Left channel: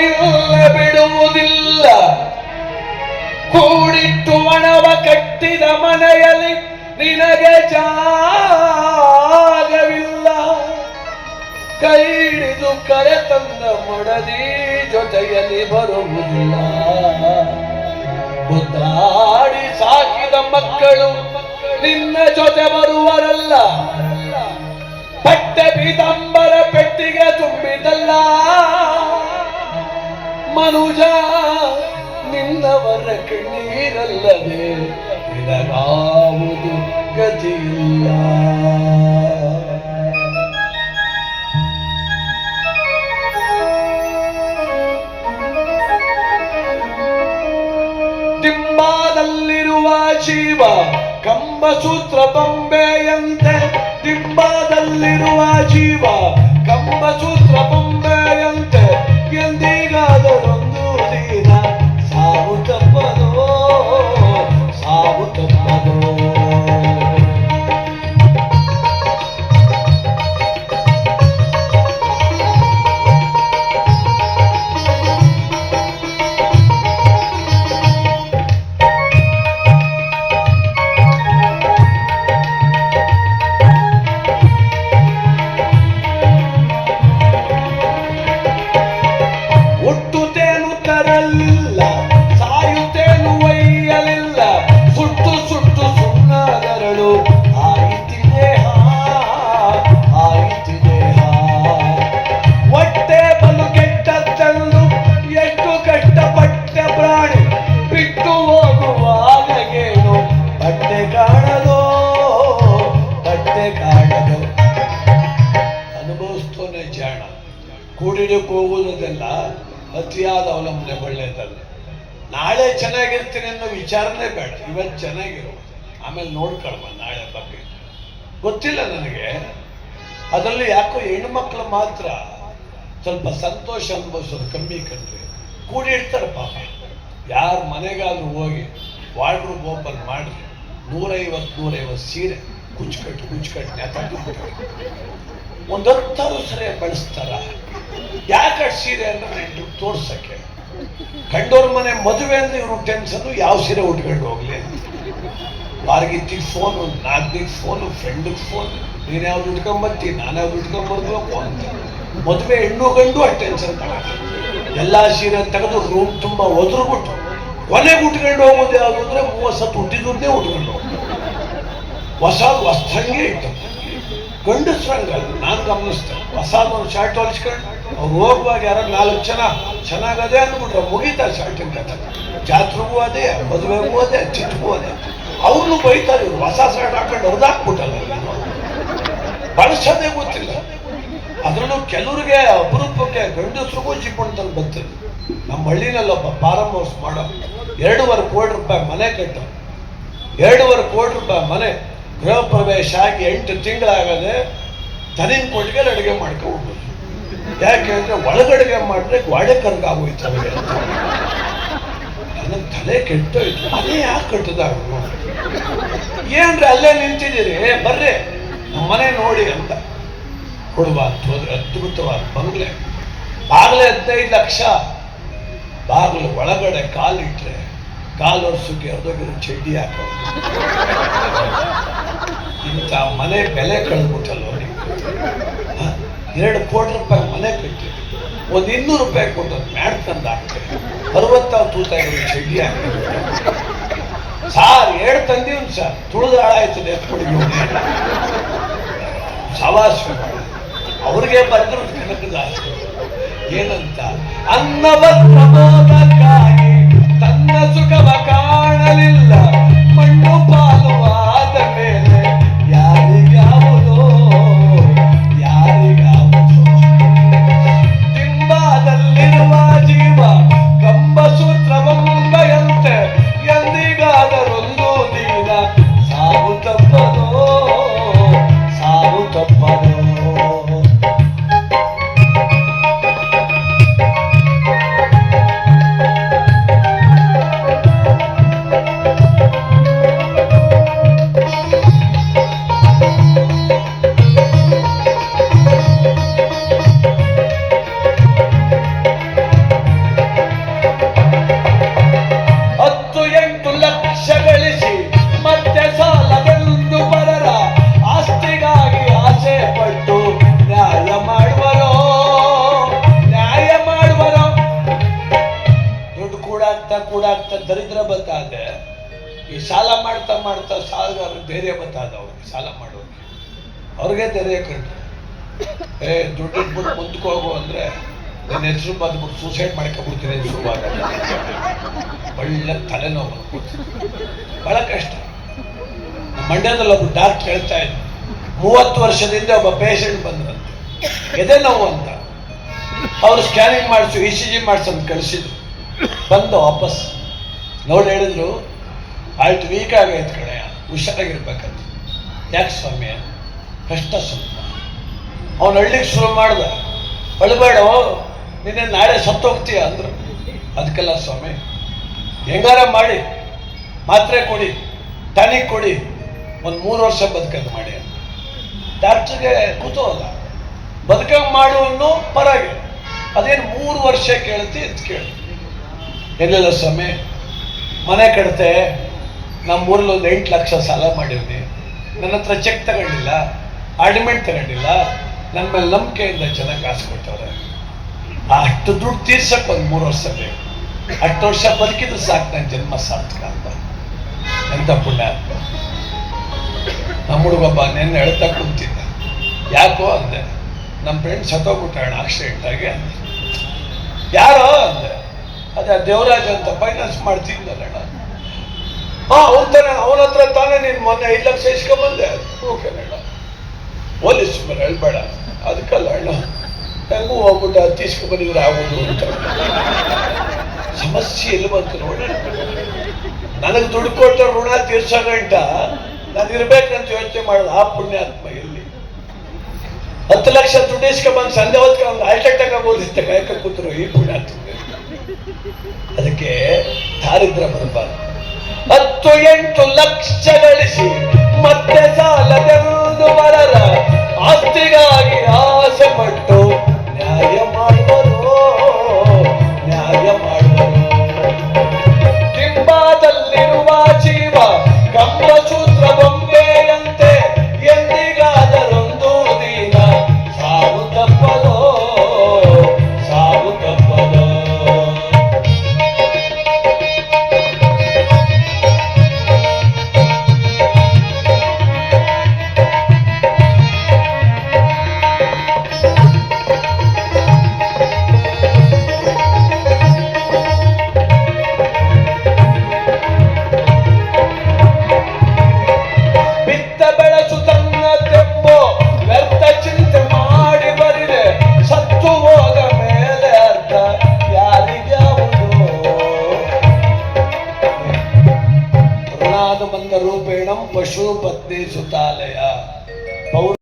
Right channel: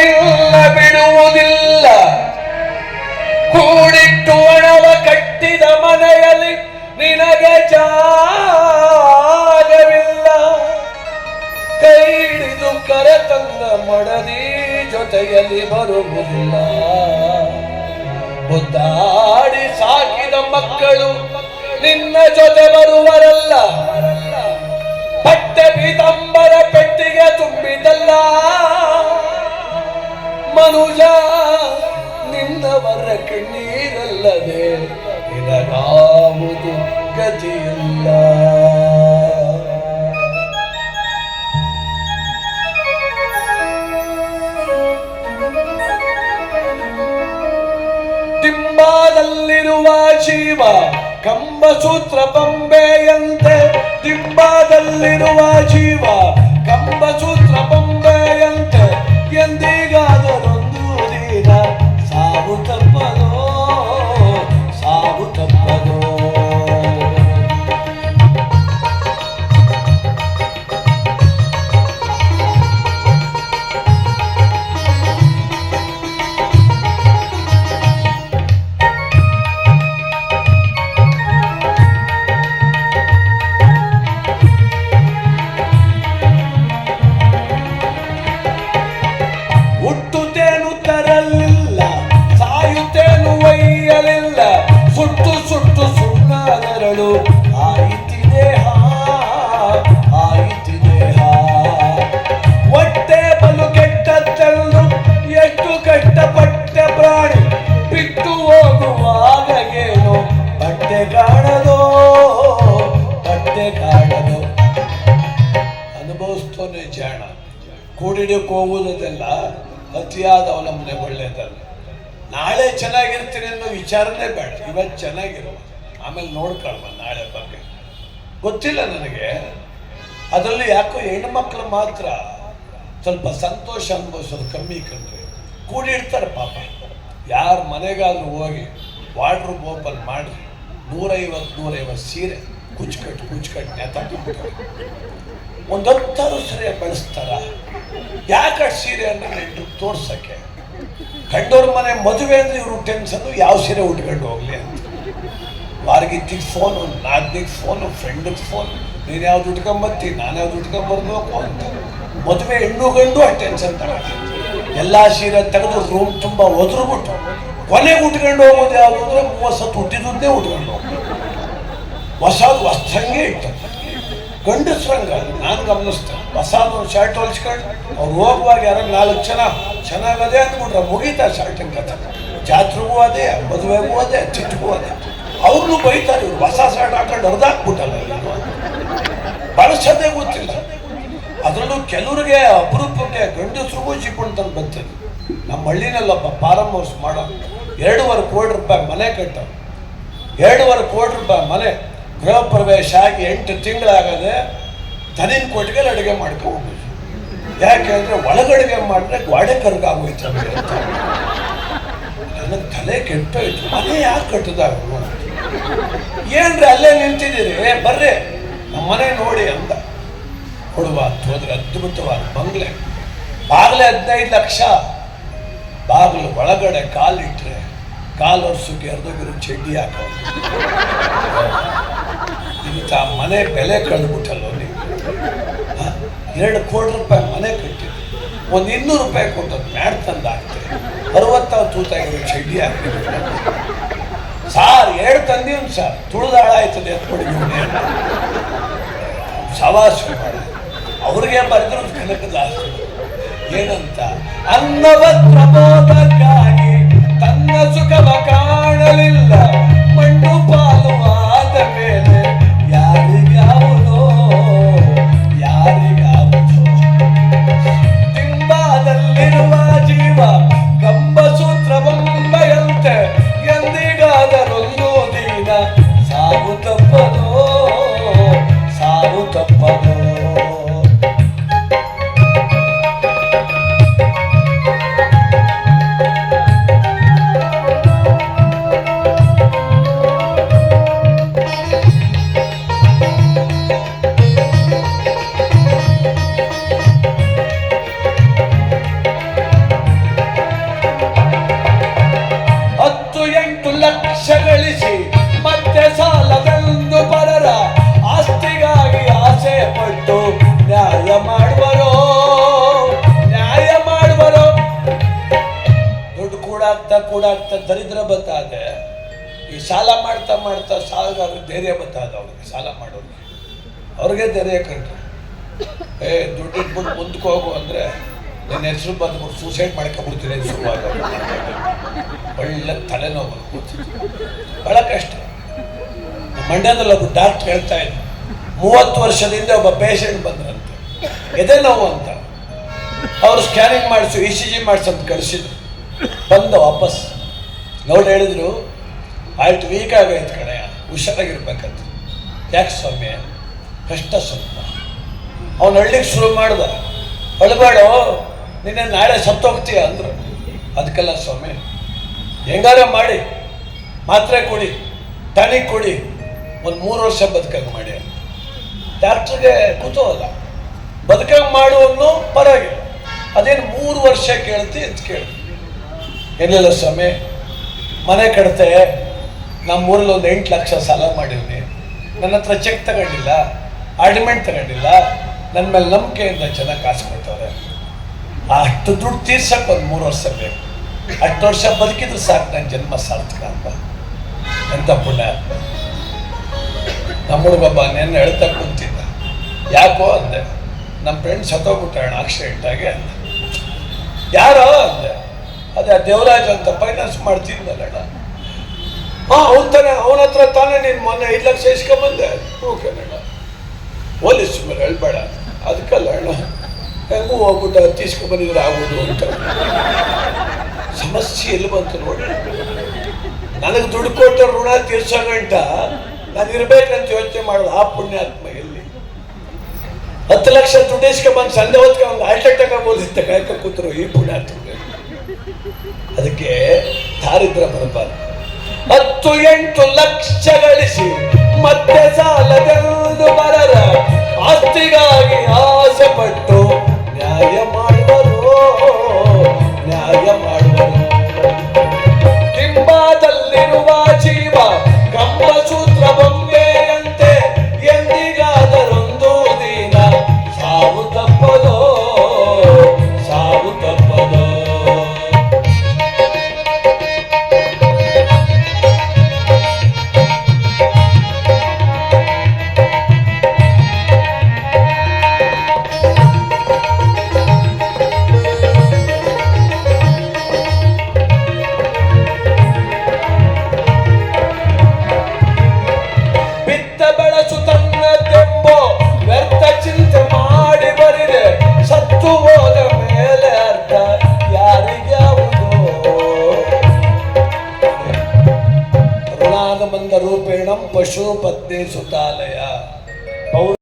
ನಿನ್ನ ಬಿಡುವುದಿಲ್ಲ. ಕೂಡಿಟ್ಟು ಹಣವ ಕಟ್ಟಿದ ಮನೆಯಲ್ಲಿ ನಿನಗೆ ಜಾಗವಿಲ್ಲ. ಕೈ ಹಿಡಿದು ಕರೆತಂದ ಮಡದಿ ಜೊತೆಯಲ್ಲಿ ಬರುವುದಿಲ್ಲ. ಮುದ್ದಾಡಿ ಸಾಕಿದ ಮಕ್ಕಳು ನಿನ್ನ ಜೊತೆ ಬರುವರಲ್ಲ. ಪಟ್ಟೆ ಪೀತಾಂಬರ ಪೆಟ್ಟಿಗೆ ತುಂಬಿದಲ್ಲ. ಮನುಜ ನಿನ್ನವರ ಕಣ್ಣೀರಲ್ಲದೆ ನಿನಗಾವುದು ಗತಿಯಿಲ್ಲ. ದಿಂಬಾದಲ್ಲಿರುವ ಜೀವ ಕಂಬಸೂತ್ರ ಬೊಂಬೆಯಂತೆ. ದಿಂಬಾದಲ್ಲಿರುವ ಜೀವ ಕಂಬಸೂತ್ರ ಬೊಂಬೆಯಂತೆ. ಎಂದಿಗಾದರೊಂದು ದಿನ ಸಾವು ತಪ್ಪದೋ, ಸಾವು ತಪ್ಪದೋ. ಹುಟ್ಟುತ್ತೇನು ತರಲಿಲ್ಲ, ಸಾಯುತ್ತೇನು ಒಯ್ಯಲಿಲ್ಲ. ಸುಟ್ಟು ಸುಟ್ಟು ಸುಣ್ಣಾದರಳು ಆಯಿತಿದೆ ಆಯಿತಿದೆ. ಹೊಟ್ಟೆ ಬಲು ಕೆಟ್ಟದ್ದೆಂದು ಎಷ್ಟು ಕಷ್ಟಪಟ್ಟೆ ಪ್ರಾಣಿ. ಬಿಟ್ಟು ಹೋಗುವಾಗೇನು ಬಟ್ಟೆ ಕಾಣದೋ, ಬಟ್ಟೆ ಕಾಣದೋ. ಅನುಭವಿಸ್ತೋನೆ ಜಾಣ. ಕೂಡಿಡಕ್ಕೆ ಹೋಗುವುದೆಲ್ಲ ಅತಿಯಾದ ಅವಲಂಬನೆ ಒಳ್ಳೆಯದಲ್ಲ. ನಾಳೆ ಚೆನ್ನಾಗಿರ್ತೀನಿ ಅನ್ನೋ ವಿಚಾರನೇ ಬೇಡ. ಇವತ್ತು ಚೆನ್ನಾಗಿರು, ಆಮೇಲೆ ನೋಡ್ಕೊಳ್ಳ ನಾಳೆ ಬಗ್ಗೆ. ಗೊತ್ತಿಲ್ಲ ನನಗೆ. ಅದರಲ್ಲಿ ಯಾಕೋ ಹೆಣ್ಮಕ್ಳು ಮಾತ್ರ ಸ್ವಲ್ಪ ಸಂತೋಷ ಅನುಭವಿಸೋದು ಕಮ್ಮಿ ಕಂಡ್ರೆ. ಕೂಡಿಡ್ತಾರೆ ಪಾಪ. ಯಾರ ಮನೆಗಾದ್ರೂ ಹೋಗಿ ವಾರ್ಡ್ರೂಮ್ ಓಪನ್ ಮಾಡಿ 150 ಸೀರೆ ಕುಚ್ಕಟ್ಟು ನೇತಾಡ್ತಾರೆ. ಒಂದು 10 ಸರಿ ಬಳಸ್ತಾರ. ಯಾಕೆ ಸೀರೆ ಅಂದ್ರೆ ತೋರ್ಸಕ್ಕೆ. ಗಂಡವ್ರ ಮನೆ ಮದುವೆ ಅಂದ್ರೆ ಇವರು ಟೆನ್ಷನ್, ಯಾವ ಸೀರೆ ಉಟ್ಕೊಂಡು ಹೋಗ್ಲಿ ಅಂತ. ವಾರ್ಗಿತ್ತಿಗೆ ಫೋನು, ನಾಲ್ಕಿಗೆ ಫೋನು, ಫ್ರೆಂಡಿಗೆ ಫೋನ್. ನೀನು ಯಾವ್ದು ಉಟ್ಕೊಂಬತ್ತಿ, ನಾನು ಯಾವ್ದು ಉಟ್ಕೊಂಬರ್ಬೇಕು ಅಂತ. ಮದುವೆ ಹೆಣ್ಣು ಗಂಡು ಆ ಟೆನ್ಷನ್ ತಗೊಂಡು ಎಲ್ಲ ಸೀರೆ ತೆಗೆದು ರೂಮ್ ತುಂಬ ಒದ್ರುಬಿಟ್ಟು ಕೊನೆಗೆ ಉಟ್ಕೊಂಡು ಹೋಗೋದು ಯಾವುದು ಅಂದ್ರೆ 30 ಸತ್ತು ಹುಟ್ಟಿದ್ದೇ ಉಟ್ಕೊಂಡು ಹೋಗೋದು. ಹೊಸಂಗೆ ಇತ್ತು. ಗಂಡಸ್ರಂಗ ನಾನು ಗಮನಿಸ್ತೇನೆ. ಹೊಸದೊಂದು ಶರ್ಟ್ ಹೊಲಿಸ್ಕೊಂಡು ಅವ್ರು ಹೋಗುವಾಗ ಯಾರು 4 ಜನ ಚೆನ್ನಾಗದೆ ಅಂದ್ಬಿಟ್ರೆ ಮುಗೀತಾ ಶರ್ಟಿನ ಕಥೆ. ಜಾತ್ರೆಗೂ ಅದೇ, ಮದುವೆಗೂ ಅದೇ, ಚಿಟ್ಟಿಗೂ ಅದೇ. ಅವ್ರನ್ನೂ ಬೈತಾರೆ. ಇವ್ರು ಹೊಸ ಶರ್ಟ್ ಹಾಕೊಂಡು ಹೊಡೆದಾಕ್ಬಿಟ್ಟಲ್ಲ, ಬಳಸೋದೇ ಗೊತ್ತಿಲ್ಲ. ಅದರಲ್ಲೂ ಕೆಲವ್ರಿಗೆ ಅಪರೂಪಕ್ಕೆ ಗಂಡಸ್ರಿಗೂ ಜಿಪ್ಪಣ್ತಂದು ಬರ್ತದೆ. ನಮ್ಮ ಹಳ್ಳಿನಲ್ಲೊಬ್ಬ ಫಾರಮ್ ಹೌಸ್ ಮಾಡೋ 2.25 ಕೋಟಿ ರೂಪಾಯಿ ಮನೆ ಕಟ್ಟ. 2.25 ಕೋಟಿ ರೂಪಾಯಿ ಮನೆ. ಗೃಹ ಪ್ರವೇಶ ಆಗಿ 8 ತಿಂಗಳಾಗದೆ ದನಿನ ಕೊಟ್ಟಿಗೆ ಅಡುಗೆ ಮಾಡ್ಕೊಂಡು. ಯಾಕೆಂದ್ರೆ ಒಳಗಡೆಗೆ ಮಾಡಿದ್ರೆ ಗೋಡೆ ಕರ್ಗಾಗೋಯ್ತವೆ ಅಂತ. ನನ್ನ ತಲೆ ಕೆಟ್ಟೋಯ್ತು. ಮನೆ ಯಾಕೆ ಕಟ್ಟಿದ ಏನ್ರಿ ಅಲ್ಲೇ ನಿಂತಿದ್ದೀರಿ, ಬರ್ರಿ ನಮ್ಮ ಮನೆ ನೋಡಿ ಅಂತ. ಕೊಡುವ ಹೋದ್ರೆ ಅದ್ಭುತವಾದ ಬಂಗ್ಲೆ. ಬಾಗ್ಲೆ 15 ಲಕ್ಷ. ಬಾಗಿಲು ಒಳಗಡೆ ಕಾಲಿಟ್ರೆ ಕಾಲು ವರ್ಷಕ್ಕೆ ಅರ್ಧಗಿರೋ ಚಡ್ಡಿ ಹಾಕೋದು. ಇಂಥ ಮನೆ ಬೆಲೆ ಕಳೆದ್ಬಿಟ್ಟಲ್ಲ ನೀವು. 2 ಕೋಟಿ ರೂಪಾಯಿ ಮನೆ ಕಟ್ಟಿದ್ರು. ಒಂದು 200 ರೂಪಾಯಿ ಕೊಟ್ಟು ಮ್ಯಾಡ್ ತಂದು ಹಾಕ್ತಾರೆ. 60 ತೂತಾಗಿರೋ ಚಡ್ಡಿ ಹಾಕಿದ್ರು. ಸಾರ್ 2 ತಂದೀವ್ನು ಸರ್, ತುಳಿದಾಳ ಆಯ್ತದೆ ಎತ್ಕೊಡಿಗೆ ಸವಾಸ ಮಾಡ. ಅವ್ರಿಗೆ ಬರೆದ್ರು ಕನಕದ ಆಸ್ತಿ ಏನಂತ. ಅನ್ನವ ಪ್ರಮೋದಕ್ಕಾಗಿ ತನ್ನ ಸುಖವ ಕಾಣಲಿಲ್ಲ. ಮಣ್ಣು ಪಾಲು ಆದ ಮೇಲೆ ಯಾರಿಗಾವುದೋ ಯಾರಿಗಾವುದೋ. ದಿಂಬಾದಲ್ಲಿರುವ ಜೀವ ಕಂಬಸೂತ್ರ ಬೊಂಬೆಯಂತೆ. ಎಂದಿಗಾದರೊಂದು ದಿನ ಸಾವು ತಪ್ಪದೋ, ಸಾವು ತಪ್ಪದೋ. ಕೂಡಾಗ್ತಾ ದರಿದ್ರ ಬತ್ತಾದೆ. ಈ ಸಾಲ ಮಾಡ್ತಾ ಮಾಡ್ತಾ ಸಾಲಗಾರ ಧೈರ್ಯ ಬತ್ತಾದ ಅವ್ರಿಗೆ, ಸಾಲ ಮಾಡೋರಿಗೆ ಅವ್ರಿಗೆ ಧೈರ್ಯ ಕಂಡ್ರೆ ದುಡ್ಡಿಟ್ಬಿಟ್ಟು ಮುಂದಕ್ಕೆ ಹೋಗು ಅಂದರೆ ನನ್ನ ಹೆಸರು ಬಂದ್ಬಿಟ್ಟು ಸೂಸೈಡ್ ಮಾಡ್ಕೊಬಿಡ್ತೀನಿ ಸುಮಾರು. ಒಳ್ಳೆ ತಲೆನೋವು, ಬಹಳ ಕಷ್ಟ. ಮಂಡ್ಯದಲ್ಲಿ ಒಬ್ಬ ಡಾಕ್ಟರ್ ಹೇಳ್ತಾ ಇದ್ದ, 30 ವರ್ಷದಿಂದ ಒಬ್ಬ ಪೇಷಂಟ್ ಬಂದ್ರಂತೆ, ಎದೆ ನೋವು ಅಂತ. ಅವರು ಸ್ಕ್ಯಾನಿಂಗ್ ಮಾಡಿಸು, ECG ಮಾಡಿಸೋದು ಕಳಿಸಿದ್ರು. ಬಂದು ವಾಪಸ್ ನೋಡಿ ಹೇಳಿದ್ರು, ಆಯ್ತು ವೀಕ್ ಆಗೈತೆ ಕಡೆ, ಹುಷಾರಾಗಿರ್ಬೇಕಂತ. ಯಾಕೆ ಸ್ವಾಮಿ? ಕಷ್ಟ ಸ್ವಲ್ಪ. ಅವನು ಹಳ್ಳಿಗೆ ಶುರು ಮಾಡ್ದ, ಅಳಬೇಡ ನಿನ್ನೆ ನಾಳೆ ಸತ್ತೋಗ್ತೀಯ ಅಂದರು. ಅದಕ್ಕೆಲ್ಲ ಸ್ವಾಮಿ ಹೆಂಗಾರ ಮಾಡಿ ಮಾತ್ರೆ ಕೊಡಿ, ಟಾನಿಕ್ ಕೊಡಿ, ಒಂದು 3 ವರ್ಷ ಬದುಕಂಗೆ ಮಾಡಿ. ಡಾಕ್ಟ್ರಿಗೆ ಕೂತೋಲ್ಲ, ಬದುಕಂಗೆ ಮಾಡುವನ್ನು ಪರವಾಗಿಲ್ಲ, ಅದೇನು 3 ವರ್ಷ ಕೇಳ್ತಿ ಅಂತ ಕೇಳಿ. ಏನಿಲ್ಲ ಸ್ವಾಮಿ, ಮನೆ ಕಟ್ತೆ, ನಮ್ಮೂರಲ್ಲಿ ಒಂದು 8 ಲಕ್ಷ ಸಾಲ ಮಾಡಿವ್ನಿ, ನನ್ನ ಹತ್ರ ಚೆಕ್ ತಗೊಂಡಿಲ್ಲ, ಅಡ್ಮಿಟ್ ತಗೊಂಡಿಲ್ಲ, ನನ್ನ ಮೇಲೆ ನಂಬಿಕೆಯಿಂದ ಚೆನ್ನಾಗಿ ಕಾಸು ಕೊಟ್ಟವ್ರೆ. ಅಷ್ಟು ದುಡ್ಡು ತೀರ್ಸಕ್ಕೆ ಒಂದು 3 ವರ್ಷ ಬೇಕು. 8 ವರ್ಷ ಬದುಕಿದ್ರೆ ಸಾಕು, ನನ್ನ ಜನ್ಮ ಸಾರ್ಥಕ ಅಂತ. ಎಂಥ ಪುಣ್ಯ. ನಮ್ಮ ಹುಡುಗಬ್ಬ ನೆನ್ನೆ ಹೇಳ್ತಾ ಕುಂತಿದ್ದ, ಯಾಕೋ ಅಂದೆ, ನಮ್ಮ ಫ್ರೆಂಡ್ ಸತ್ತೋಗ್ಬಿಟ್ಟಾಳ ಆಕ್ಸಿಡೆಂಟ್ ಆಗಿ ಅಂದೆ. ಯಾರೋ ಅಂದೆ, ಅದೇ ದೇವರಾಜ್ ಅಂತ ಫೈನಾನ್ಸ್ ಮಾಡ್ತಿದ್ದಲ್ಲ. ತಾನೆ, ಅವನ ಹತ್ರ ತಾನೇ ನೀನು ಮೊನ್ನೆ 5 ಲಕ್ಷ ಇಸ್ಕೊಂಬಂದೆ. ಕನ್ನಡ ಪೊಲೀಸ್ ಮೇಲೆ ಹೇಳ್ಬೇಡ, ಅದಕ್ಕಲ್ಲ ಅಣ್ಣ, ಹೆಂಗೂ ಹೋಗ್ಬಿಟ್ಟು ತೀಸ್ಕೊಂಬಂದಿದ್ರೆ ಆಗೋದು ಅಂತ. ಸಮಸ್ಯೆ ಎಲ್ಲಿ ಬಂತು ನೋಡಿ. ನನಗೆ ದುಡ್ಡು ಕೊಟ್ಟ ಋಣ ತೀರ್ಸೋ ಗಂಟ ನಾನು ಇರ್ಬೇಕಂತ ಯೋಚನೆ ಮಾಡೋದು ಆ ಪುಣ್ಯಾತ್ಮ ಎಲ್ಲಿ. 10 ಲಕ್ಷ ದುಡ್ಡು ಇಸ್ಕೊಂಬಂದು ಸಂಜೆ ಹೊತ್ಗೆ ಅವ್ನು ಹಾರ್ಟ್ ಅಟ್ಯಾಕ್ ಆಗೋದಿತ್ತ ಕಾಯ್ಕ ಕೂತರು ಈ ಪುಣ್ಯಾತ್ಮ. ಅದಕ್ಕೆ ದಾರಿದ್ರ ಬರಬಾರ್ದು. 10-8 ಲಕ್ಷ ಗಳಿಸಿ ಮತ್ತೆ ಸಾಲದೆಂದು ಮರರ ಆಸ್ತಿಗಾಗಿ ಆಸೆ ಪಟ್ಟು ನ್ಯಾಯ ಮಾಡುವರು, ನ್ಯಾಯ ಮಾಡುವರು. ಡಿಂಬದಲ್ಲಿರುವ ಜೀವ ಬ್ರಹ್ಮಸೂತ್ರ ಬೊಂಬೆಯಂತೆ ಎಂದಿಗಾದರೊಂದು ದಿನ ಸಾವು ತಪ್ಪದೋ, ಸಾವು ತಪ್ಪದೋ. ರೂಪೇಣ ಪಶು ಪತ್ನಿ ಸುತಾಲಯ.